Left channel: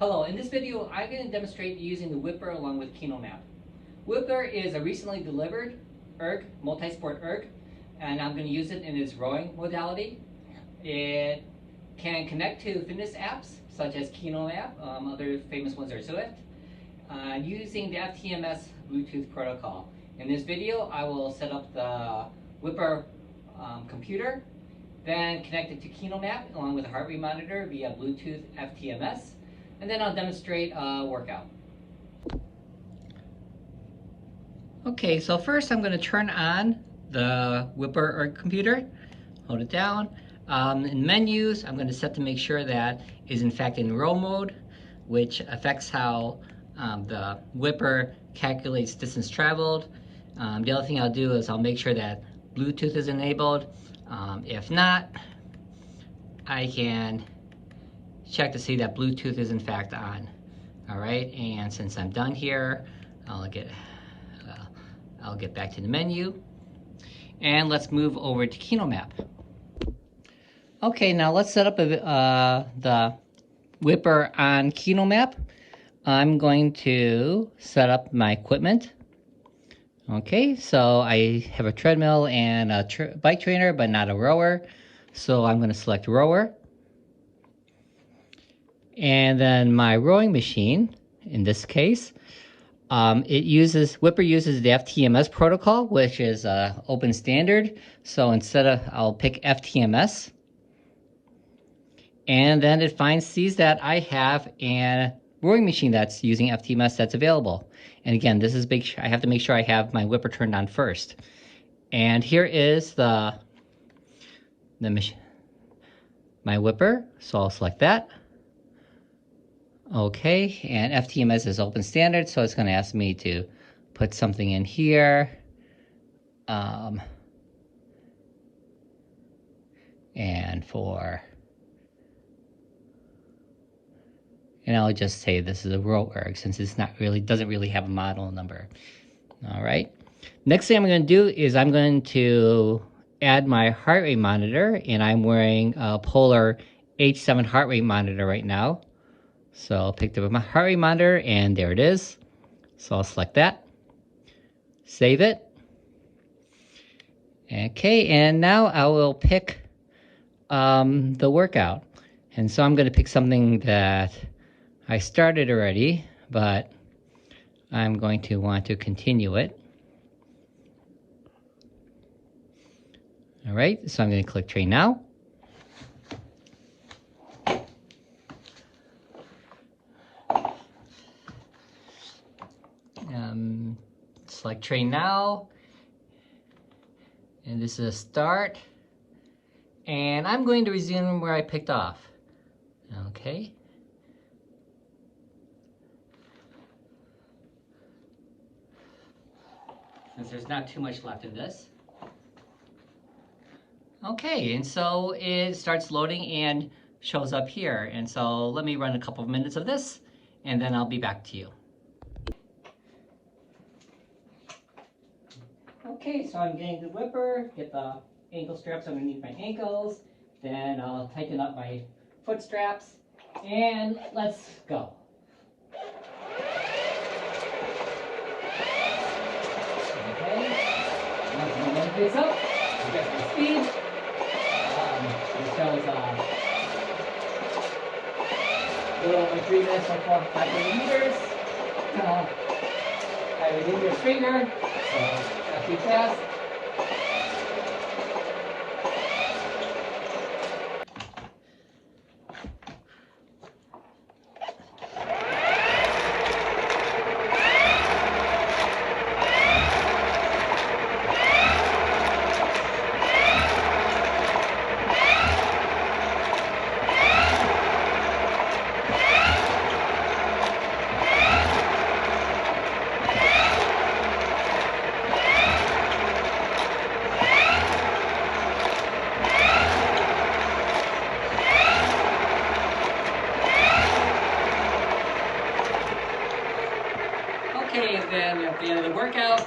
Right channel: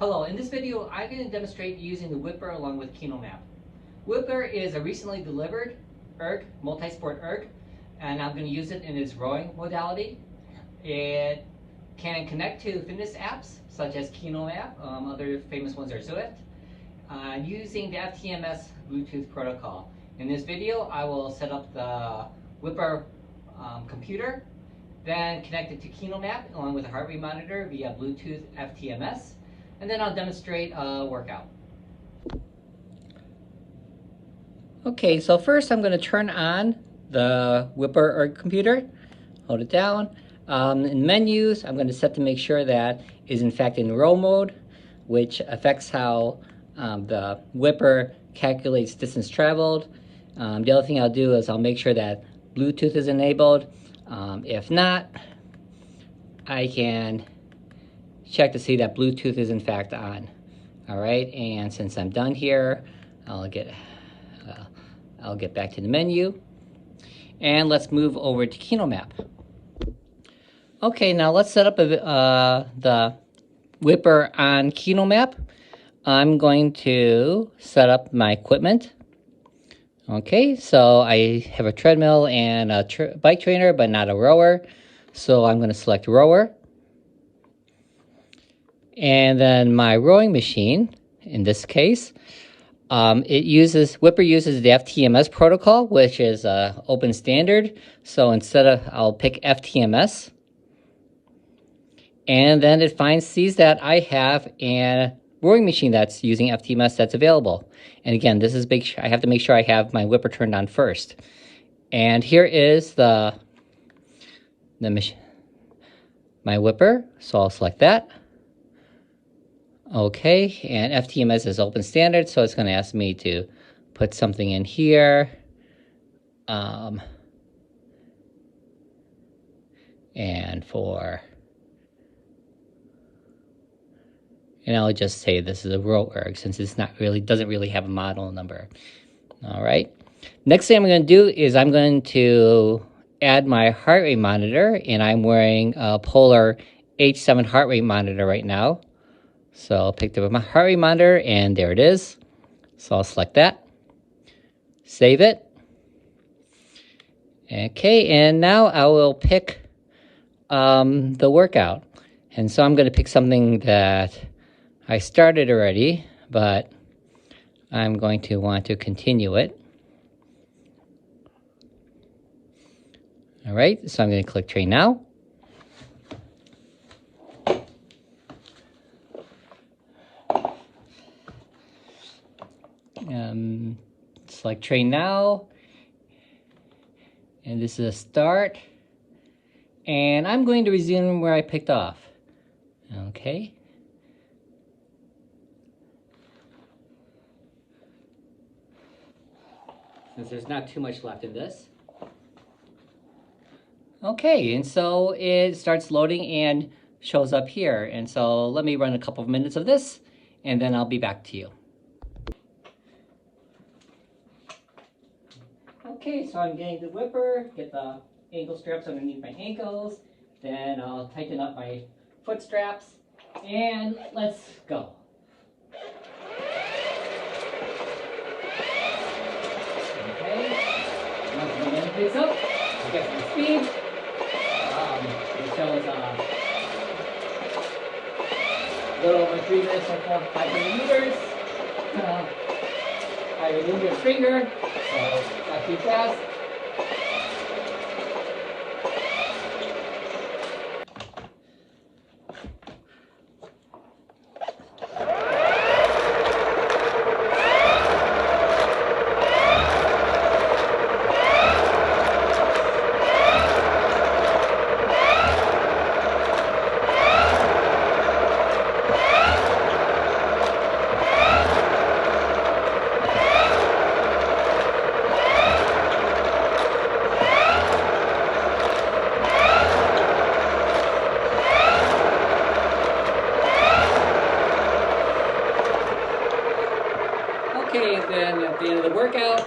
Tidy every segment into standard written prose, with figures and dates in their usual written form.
Hello, in this video I'm going to demonstrate using the Whipr along with Kinomap. Whipr is a recently delivered multi-sport erg, and I'm going to use it in its rowing modality. It can connect to fitness apps such as Kinomap, other famous ones are Zwift, using the FTMS Bluetooth protocol. In this video I will set up the Whipr computer, then connect it to Kinomap along with a heart rate monitor via Bluetooth FTMS. And then I'll demonstrate a workout. Okay, so first I'm going to turn on the Whipr computer. Hold it down. In menus, I'm going to set to make sure that is in fact in row mode, which affects how the Whipr calculates distance traveled. The other thing I'll do is I'll make sure that Bluetooth is enabled. If not, I can check to see that Bluetooth is in fact on. All right, and since I'm done here, I'll get back to the menu, and let's move over to Kinomap. Okay, now let's set up the Whipr on Kinomap. I'm going to set up my equipment. Okay, so I have a treadmill and a bike trainer, but not a rower. So I'm going to select rower. And then my rowing machine, in this case, Whipr uses the FTMS protocol, which is open standard. So I'll pick FTMS. And then it sees that I have a rowing machine that's using FTMS that's available. And again, this is big. I have to make sure I have my Whipr turned on first. And here is my Whipr. So I'll select that. Okay, and FTMS is open standard, so it's going to ask me to put something in here. And I'll just say this is a row erg since it's doesn't really have a model number. All right. Next thing I'm going to do is I'm going to add my heart rate monitor, and I'm wearing a Polar H7 heart rate monitor right now. So I'll pick up my heart rate monitor, and there it is. So I'll select that, save it. Okay, and now I will pick the workout. And so I'm going to pick something that I started already, but I'm going to want to continue it. All right, so I'm going to click train now. Select train now, and this is a start, and I'm going to resume where I picked off. Okay. Since there's not too much left in this. Okay, and so it starts loading and shows up here, and so let me run a couple of minutes of this, and then I'll be back to you. Okay, so I'm getting the Whipr, get the ankle straps underneath my ankles, then I'll tighten up my foot straps, and let's go. Okay, once the momentum picks up, I get some speed. It shows a little over 3 minutes or 500 meters. I remove your finger, so not too fast. Okay, and then at the end of the workout,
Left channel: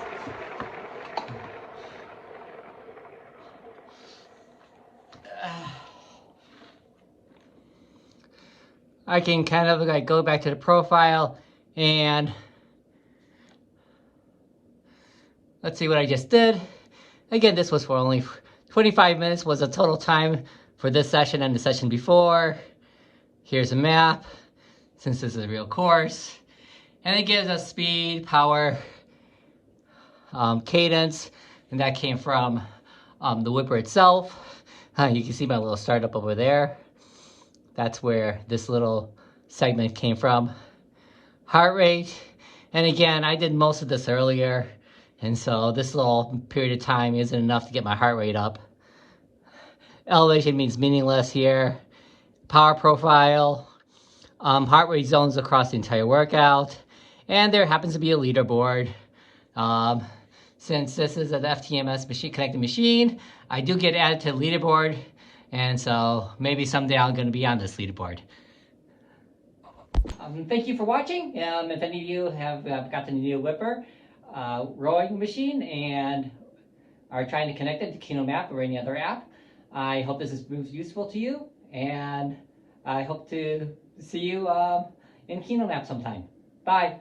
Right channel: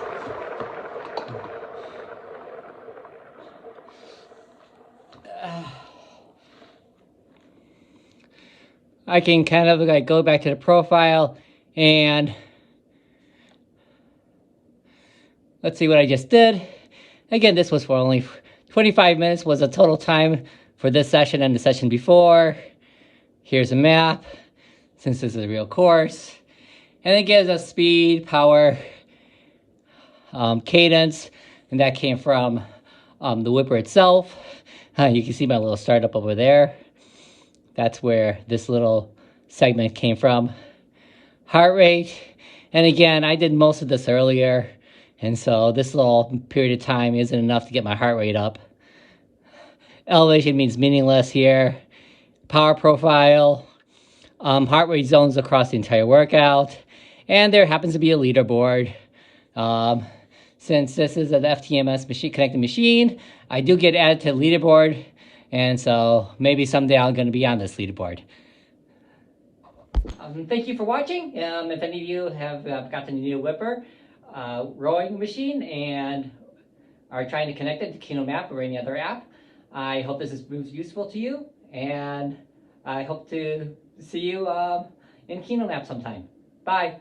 I can kind of like go back to the profile and let's see what I just did. Again, this was for only 25 minutes was the total time for this session and the session before. Here's a map, since this is a real course. And it gives us speed, power, cadence, and that came from the Whipr itself. You can see my little startup over there. That's where this little segment came from. Heart rate, and again, I did most of this earlier, and so this little period of time isn't enough to get my heart rate up. Elevation means meaningless here. Power profile, heart rate zones across the entire workout, and there happens to be a leaderboard. Since this is an FTMS machine connected machine, I do get added to the leaderboard, and so maybe someday I'm going to be on this leaderboard. Thank you for watching. If any of you have got the new Whipr rowing machine and are trying to connect it to Kinomap or any other app, I hope this is useful to you, and I hope to see you in Kinomap sometime. Bye.